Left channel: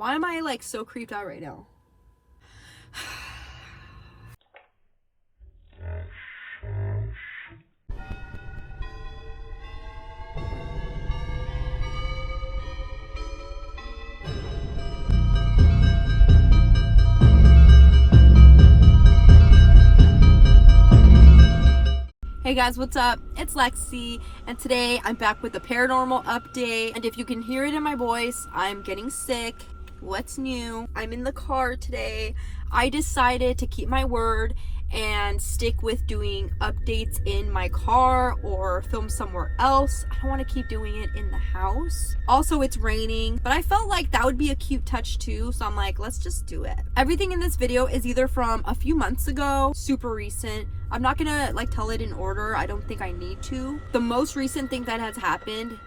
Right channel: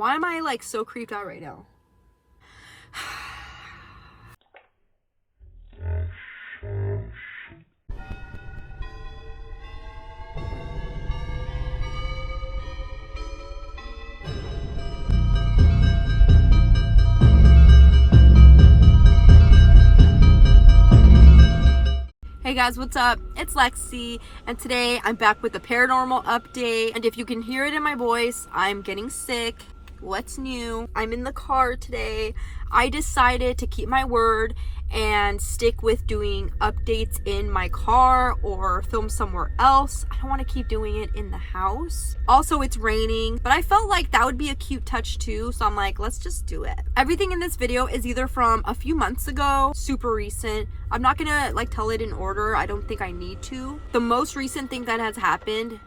Why am I like so creeped out right now? Hey guys, what's up? It's Lexi, and today I'm back with a paranormal update. And if you can hear it in my voice, I'm getting sick. What's new? I'm in the car today. I decided to keep my word and stick with doing updates in my car or film somewhere else. I don't want to keep doing it in the house. Also, it's raining, but I felt like that would be a cute touch too, so I'm like, let's just do it. Everything in this video is either from a few months ago, super recent. I'm not gonna like tell it in order. I don't think I need to. The most recent thing that has happened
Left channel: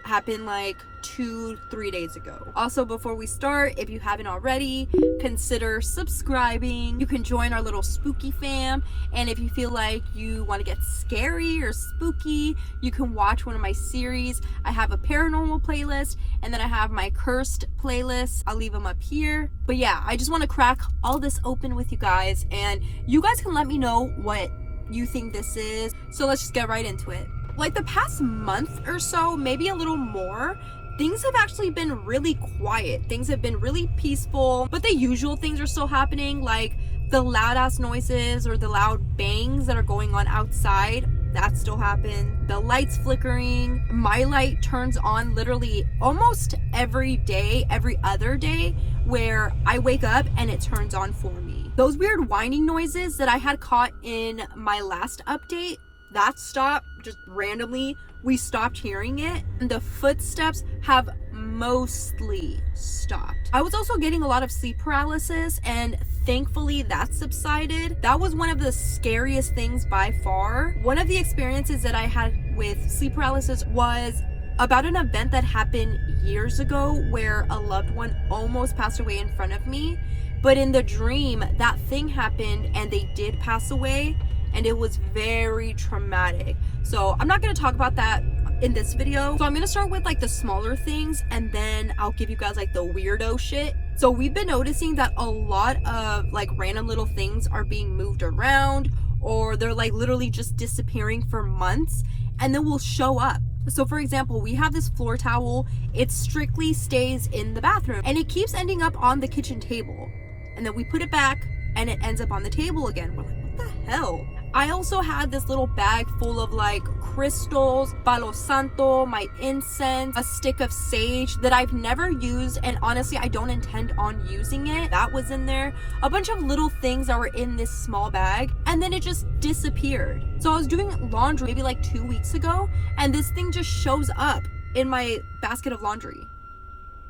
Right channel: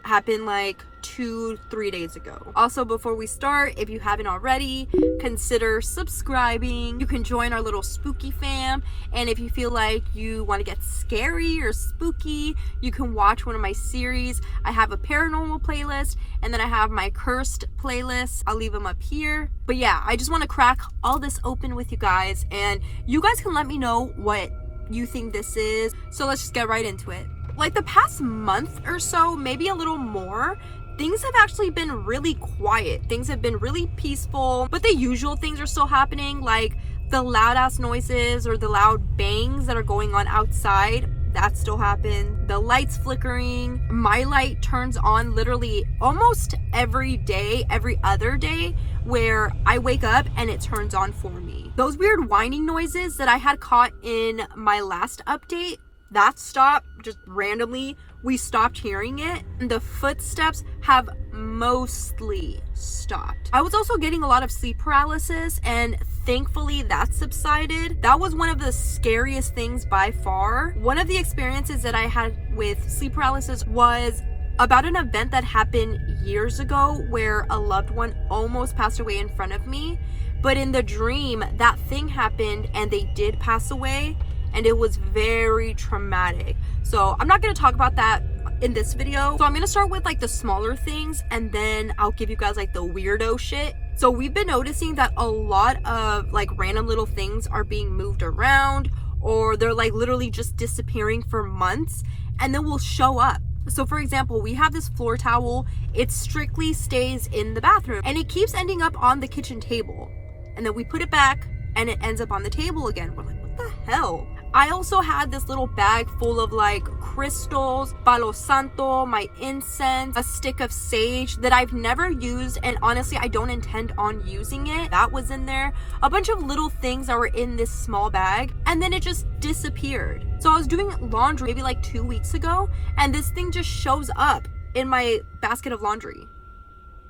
like 2-3 days ago. Also, before we start, if you haven't already, consider subscribing. You can join our little spooky fam, and if you feel like you want to get scary or spooky, you can watch one of my series. I have a paranormal playlist, and then I have my cursed playlist. I'll leave them up here. But yeah, I just want to crack all this open with you guys, and you guys can let me know what you think this is. So let's just get right into it. Like the past month or so, maybe a little more, things have actually been really quiet. Things have been really peaceful, but the usual things are still happening, like the loud ass noises or the loud bangs that are going on outside. That still happens. The lights flickering. My light turns on literally almost every day, every other day, where I wake up and it turns on for me. Those weird whining noises that I had caught in my last update, that stopped just randomly. We stopped hearing it, and the footsteps have mostly stopped. I was also getting a lot of sleep paralysis, and thankfully that subsided. That was one of the scariest things by far. One of the experiences that I had with sleep paralysis was about an event that happened years ago where a loved one almost passed away in front of me, but in the dream that thing happened and they did pass away, and it was very traumatic. So I'm not going to talk about that in this video. So I'm going to start with like the smaller things, and then I'll give you guys like the weirdo shit. So we've been noticing that a lot of like random little things are being moved around, or they're like literally just disappearing for months and then will show up. So for example, we have this floor towel. It strictly stays in the bathroom and it keeps ending up on the kitchen table, and then we put it back and it ends up on the table again. We're like, what the hell? I also had this little bag full of like crystals, palo santo, my incense, a stick of sage that I've never used, and honestly I don't intend on using it. That was in there. A bunch of little things that were in this small bag, and then it just disappeared. So I was doing laundry maybe like 2 weeks ago, and this thing just shows up in my basket of laundry.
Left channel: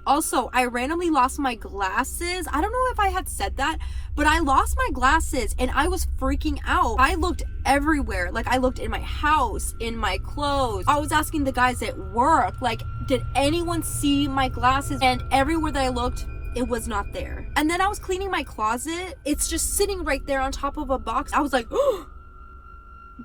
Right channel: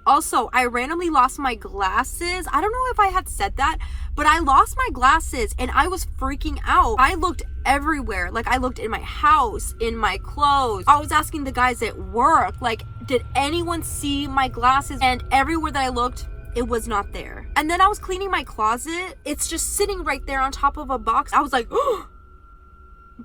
Also, I randomly lost my glasses. I don't know if I had said that, but I lost my glasses and I was freaking out. I looked everywhere. Like I looked in my house, in my clothes. I was asking the guys at work, like, did anyone see my glasses? And everywhere that I looked, it was not there. And then I was cleaning my closet. It's just sitting right there on top of a box. I was like, oh,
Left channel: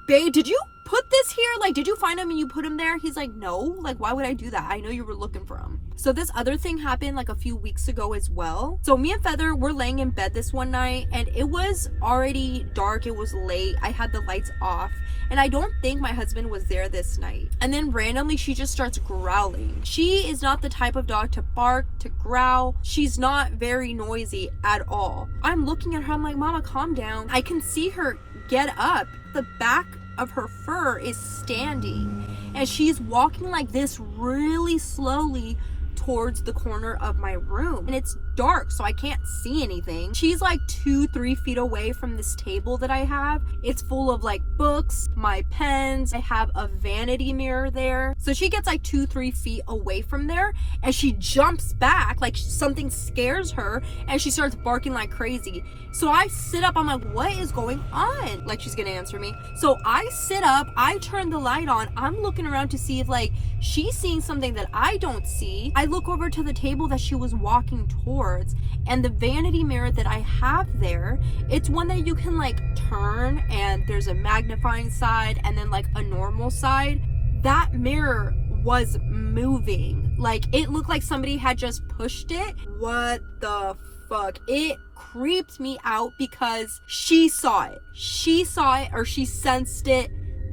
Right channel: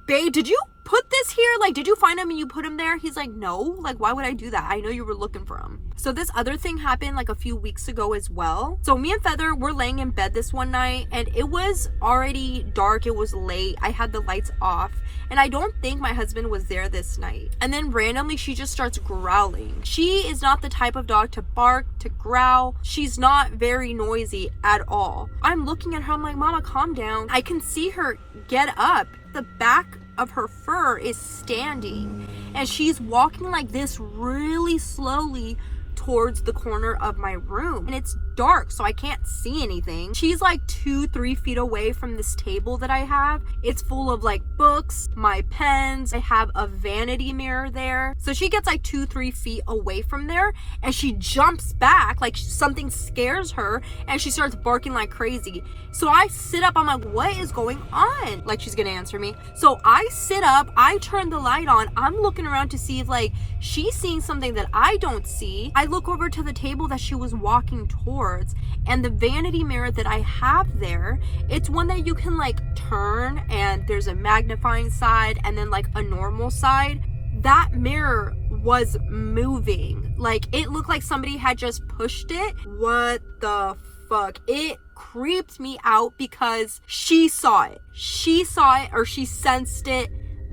babe, did you put this here? Like, did you find him and you put him there? He's like, no. Like, why would I do that? I know you were looking for him. So this other thing happened like a few weeks ago as well. So me and Feather were laying in bed this one night, and it was already dark. It was late. I had the lights off, and I don't think my husband was there this night. And then randomly she just starts growling. She is not the type of dog to bark, to growl. She's not very noisy at all. I'm looking at her. I'm like, Mama, calm down. I can see her get up. The back of her fur is standing, and she's walking like this really slowly towards the corner of my room, and it's dark so I can't see anything. She's like 2-3 feet away from this table that I have. It's full of like books, my pens. I have a vanity mirror there. So she gets like 2-3 feet away from there, and she jumps back like something scares her, and she starts barking like crazy. So I sit up. I'm like, what is going on? Like, she's gonna answer me. So I sit up, I turn the light on. I'm looking around to see if like she's seeing something that I don't see. I look over to the table that she was walking towards, and the vanity mirror that I have there, it's one that you can like turn, and there's a magnifying side and then like a normal side. that mirror was moving. Like, it looked like somebody had just pushed it. What the fuck? It creeped me out because she saw it. She saw it, or she sensed it.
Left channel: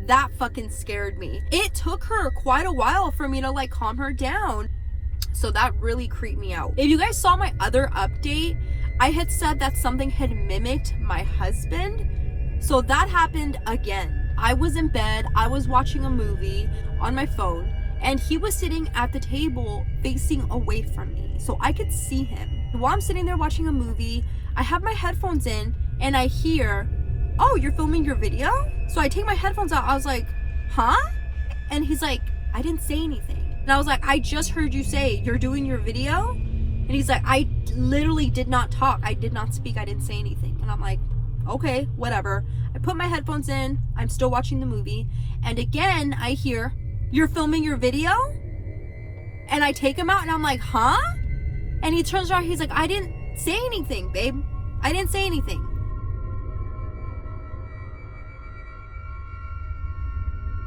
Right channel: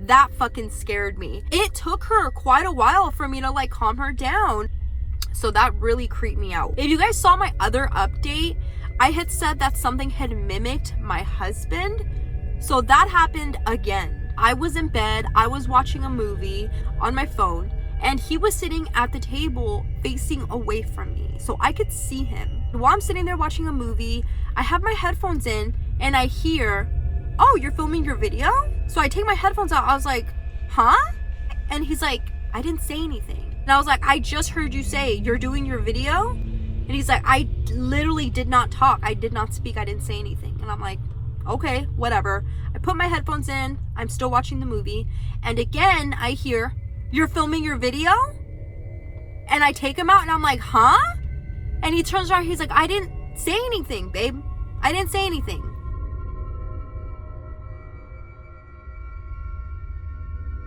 That fucking scared me. It took her quite a while for me to like calm her down. So that really creeped me out. If you guys saw my other update, I had said that something had mimicked my husband. So that happened again. I was in bed, I was watching a movie on my phone, and he was sitting at the table facing away from me. So I could see him. While I'm sitting there watching a movie, I have my headphones in and I hear, "Oh, you're filming your video?" So I take my headphones out. I was like, "Huh?" And he's like, "I didn't say anything." And I was like, "I just heard you say you're doing your video." And he's like, "I literally did not talk. I did not speak. I didn't say anything." And I'm like, "Okay, whatever." I put my headphones in. I'm still watching the movie. And again, I hear, "You're filming your video?" And I take him out and I'm like, "Huh?" And he turns around. He's like, "I didn't say anything, babe. I didn't say anything."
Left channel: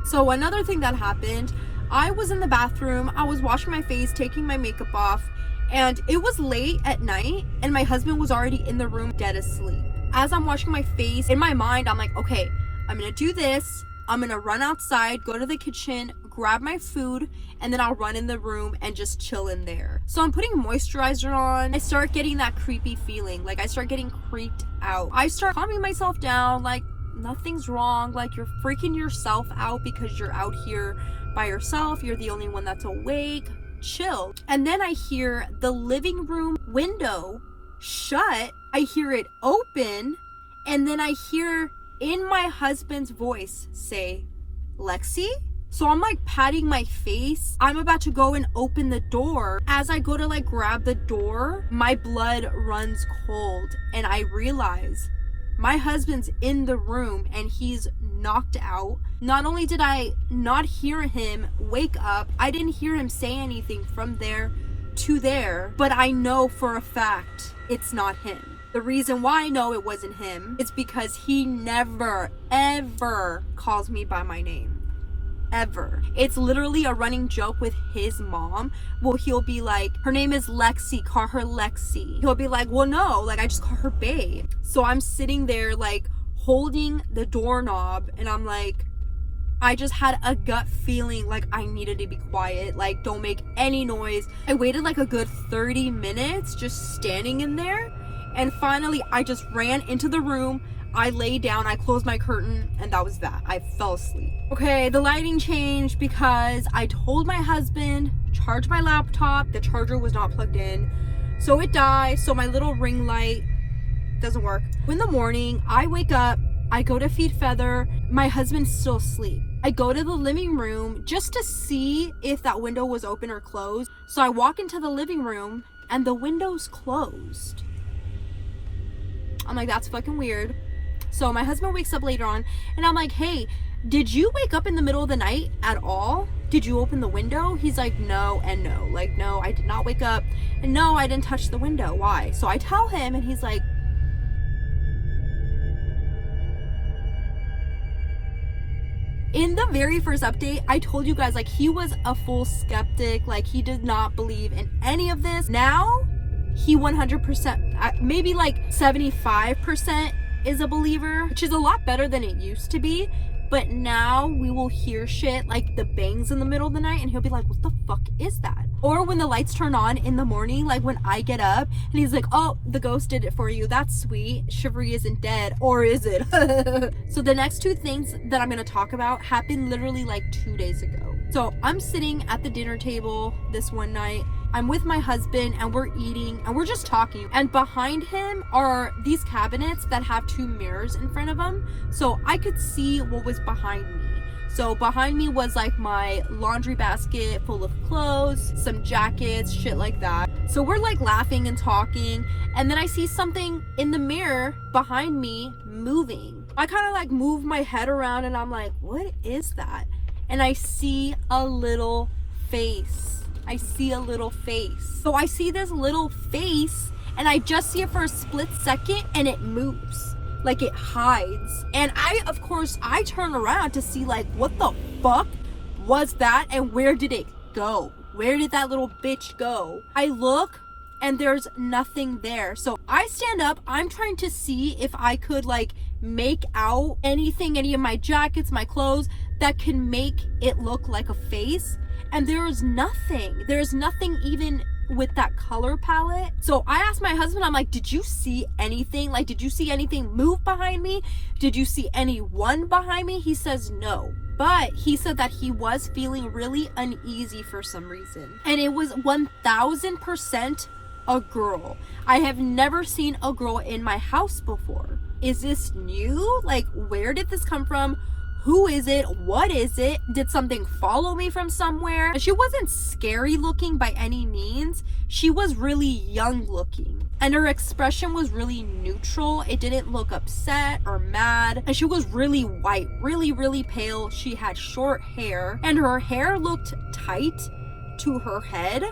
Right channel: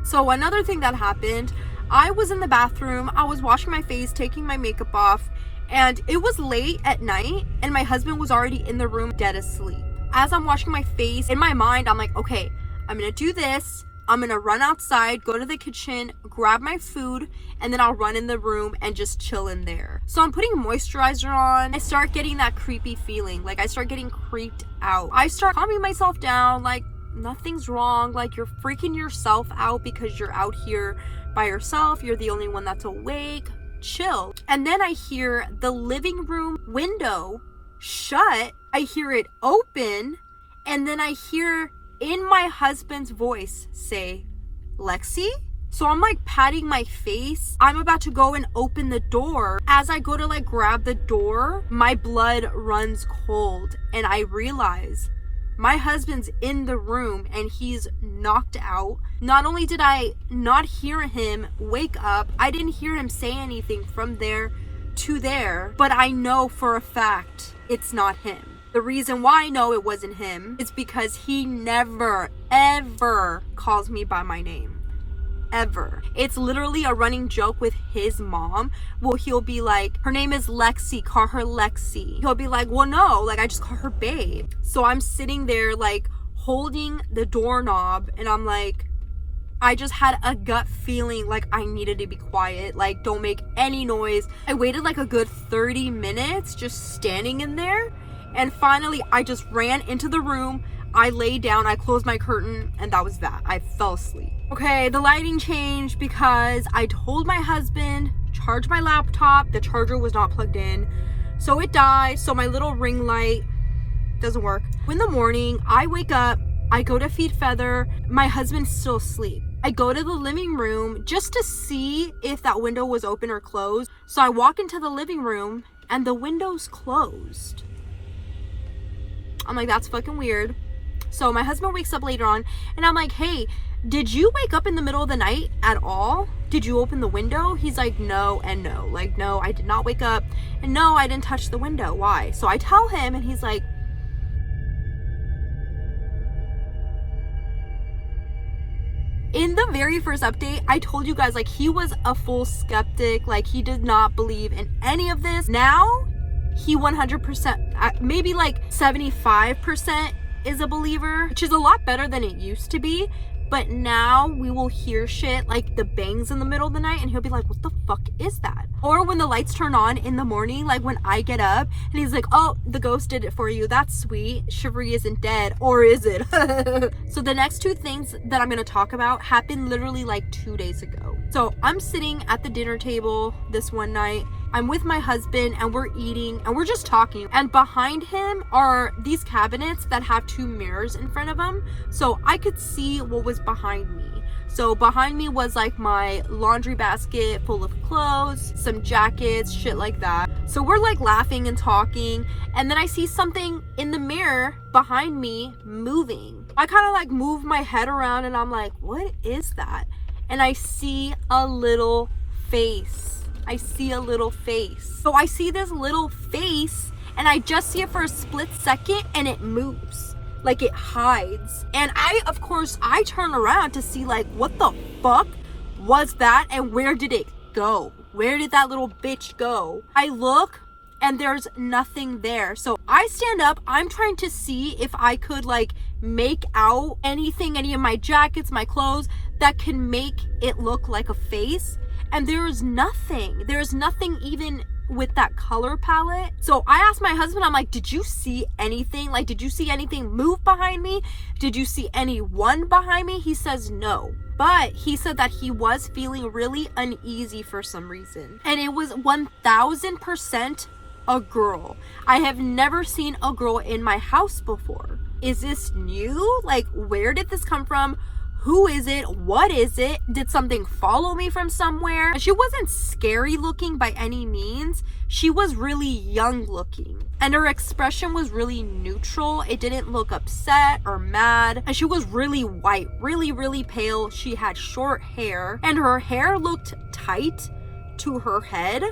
So another thing that happened, I was in the bathroom. I was washing my face, taking my makeup off. And it was late at night and my husband was already in the room dead asleep. As I'm washing my face, in my mind, I'm like, okay, I'm gonna do this. I'm gonna run outside, go to the kitchen, grab my food, and then I'll run in the room and just chill in there. So I'm putting moisturizer on. I start getting that creepy feeling. Like, I start getting creeped out. I start calming myself down, like, nothing's wrong. Like, you're freaking yourself out because you're out here by yourself. You're the only one that's awake. Chill. And then I hear the living room window shut. I hear it open, and then I hear in my husband's voice say, "Lexi?" So I'm like patting my face. I'm about to go and open the door. As I go to like grab the door, my blood runs cold and I realize my husband's in the room and he's knocked out. Not only did I not hear him wake up, I didn't hear him say anything from there to there, but I know for a fact it's not him. The reason why I know it wasn't him is because he never, ever calls me by my name. Ever. It's literally a running joke with his mom. Well, he'll be like, "Her name is Lexi, call her Lexi." He'll be like, "Well, no, like I just call her babe." So I'm sitting there like holding the doorknob and I'm like, I just had a gut feeling like I needed to be quiet, like don't make any noise. I waited like a good 30 minutes just standing in there, and finally I just ran into the room. I lay down, I closed my curtain, and that was that. I fell asleep. Okay, the lighting changed because I told my husband, charge my laptop. The charger was not plugged in, so it died. So my little ring light doesn't work. In the morning, I wake up, I go to feed Feather. My husband's still asleep. I go to the living room just to see if that window was open or closed. So I walk into the living room and the window's closed. I'm like, that's fucking weird. So my husband wakes up later on and I'm like, "Hey, did you wake up in the middle of the night at all? Did you open the window?" He's like, "No and no. Like, no, I did not wake up. And no, I didn't touch the window. Why?" So I tell him and he's like, in the very first update, I told you guys, like, he was a full skeptic. Like, he did not believe in any of this. Now, he 100%, maybe like 75% is a believer, which is a lot better than it used to be. But now we will hear shit like the bangs in the middle of the night and he'll be like, "What the fuck is that?" Or when the lights turn on in the morning, like when I get up and he's like, "Oh, the ghost did it for you. That's sweet. Chivalry isn't dead." Or is it? So the next two things that I'm going to talk about happened literally like 2 days ago. So I'm sitting at the dinner table this one night. I'm with my husband and we're eating and we're just talking, and behind him are these cabinets that have two mirrors in front of them, so I could see what was behind me. So behind me was like my laundry basket full of clothes, some jackets, shit like that. So we're like laughing and talking, and then I see something in the mirror behind me moving. I kind of like move my head around and I'm like, "What is that?" And I see a little face. I see a little face. So I see this little face and I just see it for a split second and it moves. Like, it hides. And I turn around to see like, what the fuck? was that, and where did it go? Where did that little bitch go? I look and there's nothing there. So I stand up. I'm trying to see if I could like make out anything, any of my jackets, my clothes that can make it look like a face. And there is nothing. There's nothing even with that color palette. So I asked my husband, I'm like, did you see anything? Like, did you see anything move behind me? Did you see anyone behind me? He says no. But he said that he was feeling really uneasy for some reason. And it was 1000% a girl. I have never seen a girl in my house before. Is this new? Like, where did this come from? Who is it? What is it? Did something follow me from somewhere? And she wasn't scary looking by any means. She was really young looking. And her expression was really neutral. It didn't look upset or mad. And she was really white, really, really pale. She had short hair. And her hair looked tight to her head.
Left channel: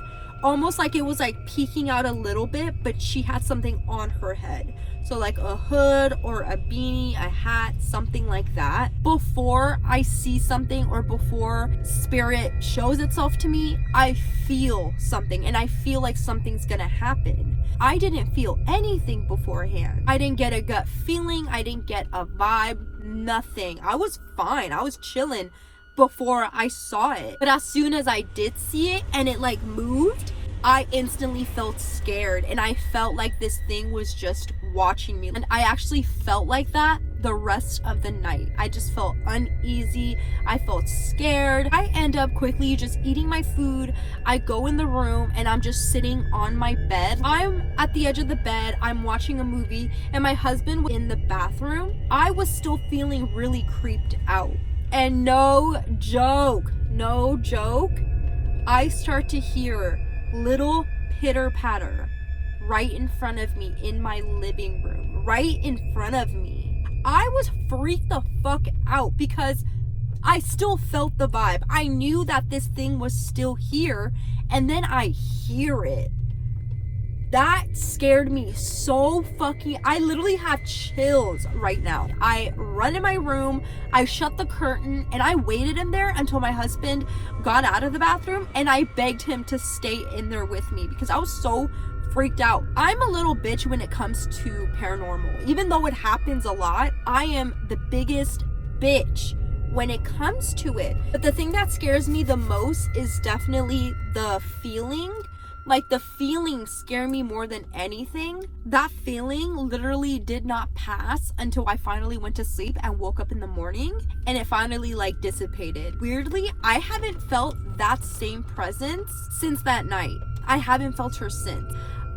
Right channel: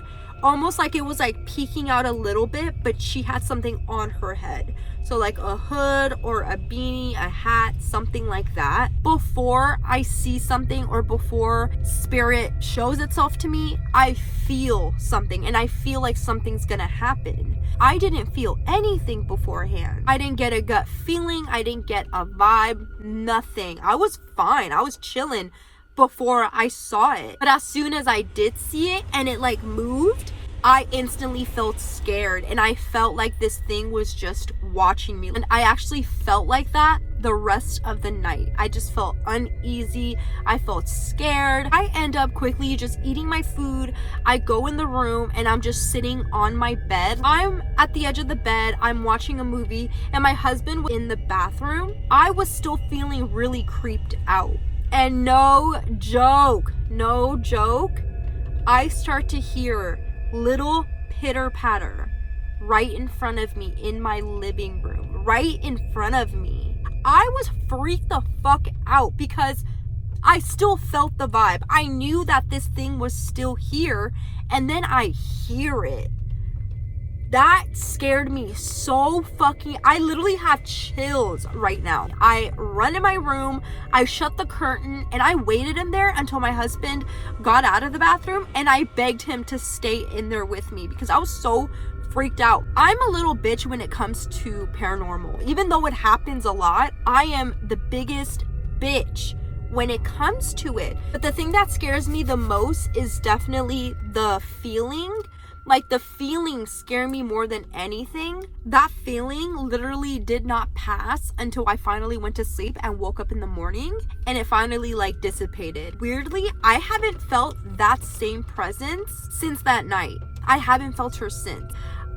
Almost like it was like peeking out a little bit, but she had something on her head. So like a hood or a beanie, a hat, something like that. Before I see something or before spirit shows itself to me, I feel something and I feel like something's gonna happen. I didn't feel anything beforehand. I didn't get a gut feeling. I didn't get a vibe, nothing. I was fine. I was chilling before I saw it. But as soon as I did see it and it like moved, I instantly felt scared and I felt like this thing was just watching me. And I actually felt like that the rest of the night. I just felt uneasy. I felt scared. I end up quickly just eating my food. I go in the room and I'm just sitting on my bed. I'm at the edge of the bed. I'm watching a movie and my husband was in the bathroom. I was still feeling really creeped out. And no joke, I start to hear little pitter patter right in front of me in my living room, right in front of me. I was freaked the fuck out because I still felt the vibe. I knew that this thing was still here, and then I hear it. That scared me so fucking, I literally have chills right now. I run in my room, I shut the curtain, and I waited in there until my husband got out of the bathroom, and I begged him to stay in there with me because I was so freaked out. I'm a little bitch when it comes to paranormal. Even though it happens a lot, I am the biggest bitch when it comes to it. But the thing that scares me the most is definitely the feeling. Like, the feelings scare me more than anything. That feeling literally did not pass until I finally went to sleep and woke up in the morning, and it finally like dissipated. Weirdly, I haven't felt that same presence since that night. I haven't felt her since.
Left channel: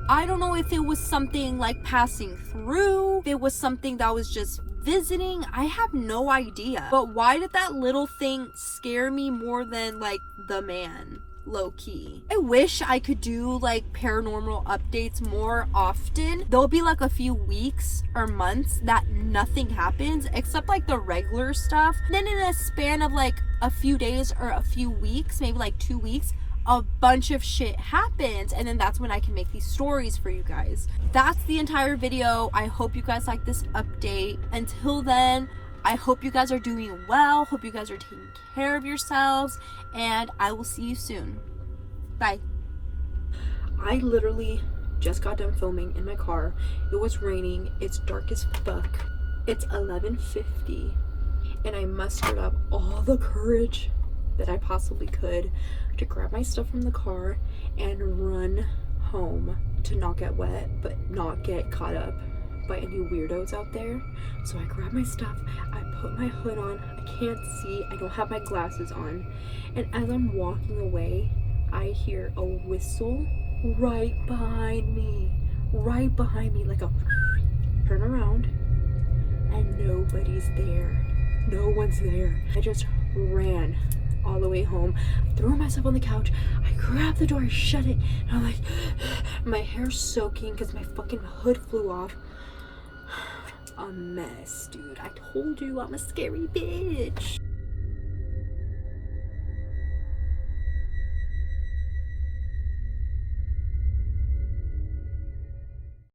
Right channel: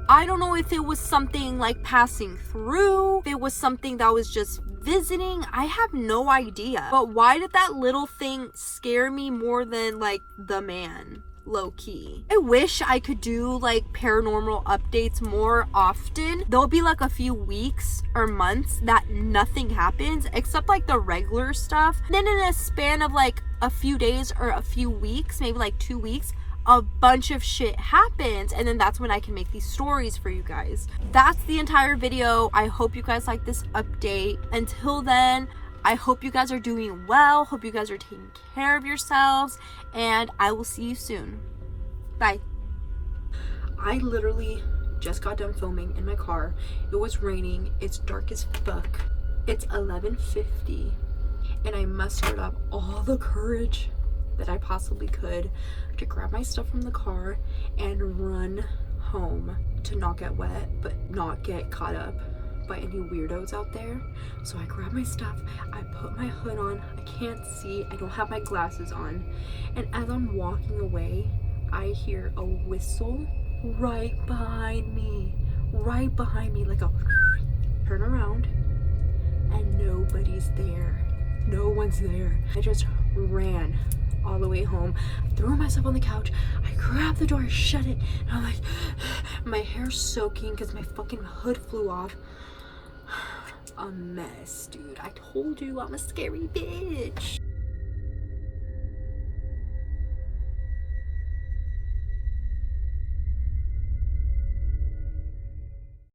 I don't know if it was something like passing through, if it was something that was just visiting. I have no idea. But why did that little thing scare me more than like the man? Low key. I wish I could do like paranormal updates more often. There'll be like a few weeks or months that nothing happens except like the regular stuff. Then in a span of like a few days or a few weeks, maybe like 2 weeks, a bunch of shit happens, and then that's when I can make these stories for you guys. That's the entire video. I hope you guys like this update. Until then, I hope you guys are doing well. Hope you guys are taking care of yourselves, and I will see you soon. Bye. I literally just got done filming in my car. It was raining. It's dark as fuck. It's 11:50, and I mustered up all the courage that I possibly could to grab my stuff from the car and run home to not get wet, but not get caught up by any weirdos out there. So I grab my stuff, I put my hood on, I can't see, I don't have my glasses on, and as I'm walking away, I hear a whistle right behind me, like a turn around, and nobody's there. No one's there. I just ran all the way home, threw myself on the couch, I grabbed the door, I shut it, and I'm like, my hair's soaking because my fucking hood flew off. A mess, dude. I told you I'm a scary bitch.